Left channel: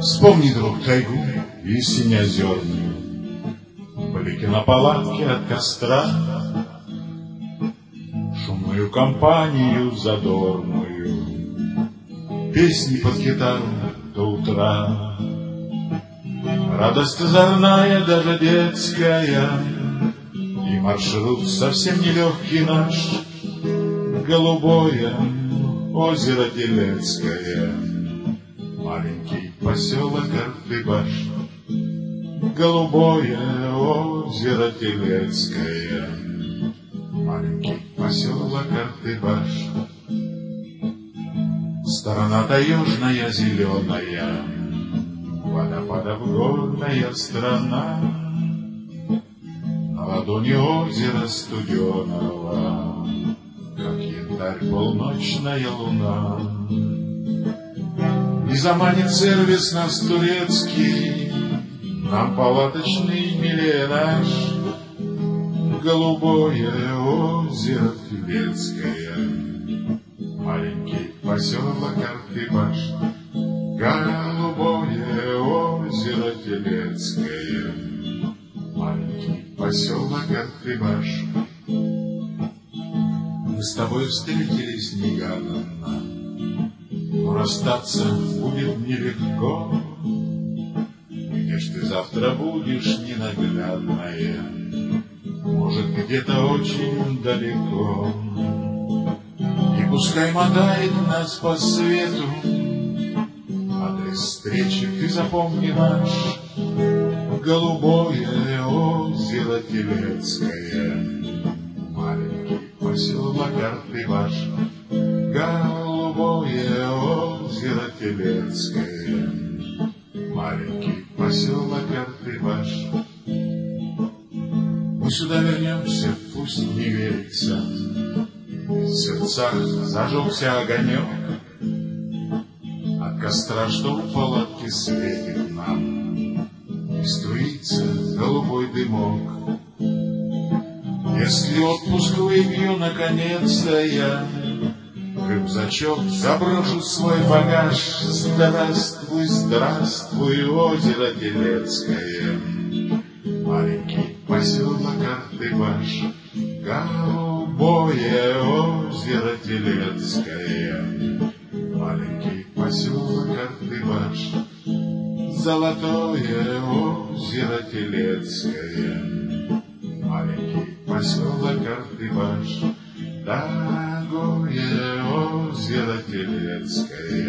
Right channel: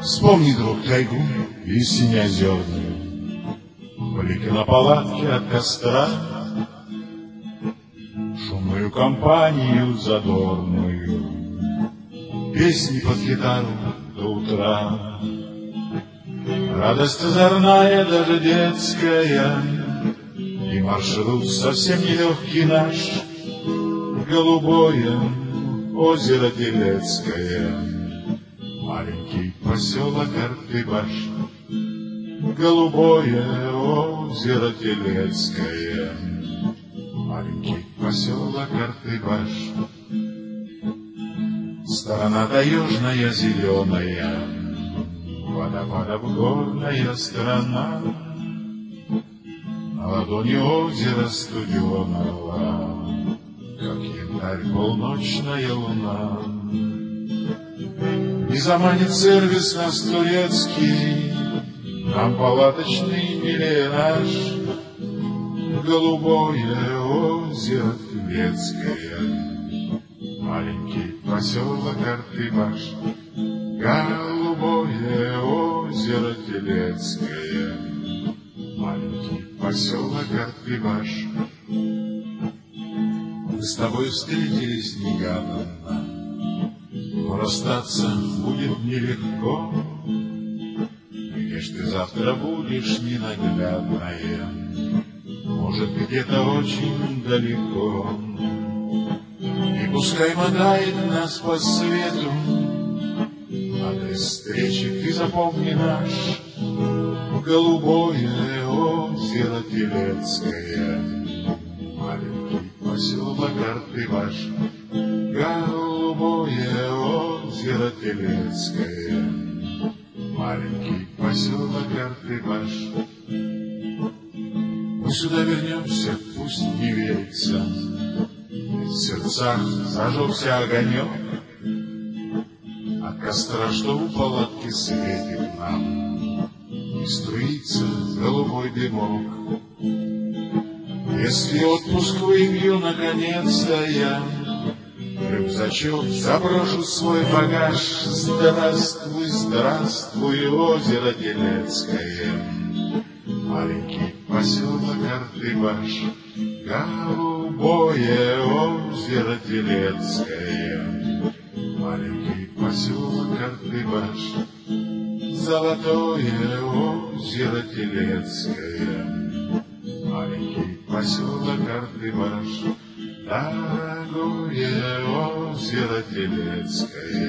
Вспомни, друг, тайгу и синеозерную, блики на палатке от костра, шумную компанию задорную, песни под гитару до утра. Радость озорная, даже детская, и маршрут совсем нелегкий наш, голубое озеро Телецкое, маленький поселок Артыбаш. Голубое озеро Телецкое, маленький поселок Артыбаш. Сторона-то южная зеленая, водопадов горная страна, на ладони озера студеного, как янтарь полночная луна. Не заманит сервис нас турецкий, нам палаточный милее наш, голубое озеро Телецкое, маленький поселок Артыбаш. Голубое озеро Телецкое, маленький поселок Артыбаш. Мы с тобой встретились негаданно, но расстаться будет нелегко. Где ж ты завтра будешь, ненаглядная, может, где-то очень далеко. И пускай мотает нас по свету адрес встречи, ты запомни наш, голубое озеро Телецкое, маленький поселок Артыбаш. Голубое озеро Телецкое, маленький поселок Артыбаш. Мы сюда вернемся, пусть не верится, в сердцах зажегся огонек от костра, что в палатке светит нам, и струится голубой дымок. Если отпуск выпью, наконец-то я рюкзачок заброшу свой багаж. Здравствуй, здравствуй, озеро Телецкое, маленький поселок Артыбаш. Голубое озеро Телецкое, маленький поселок Артыбаш. Золотое озеро Телецкое, маленький поселок Артыбаш. Дорогое озеро Телецкое,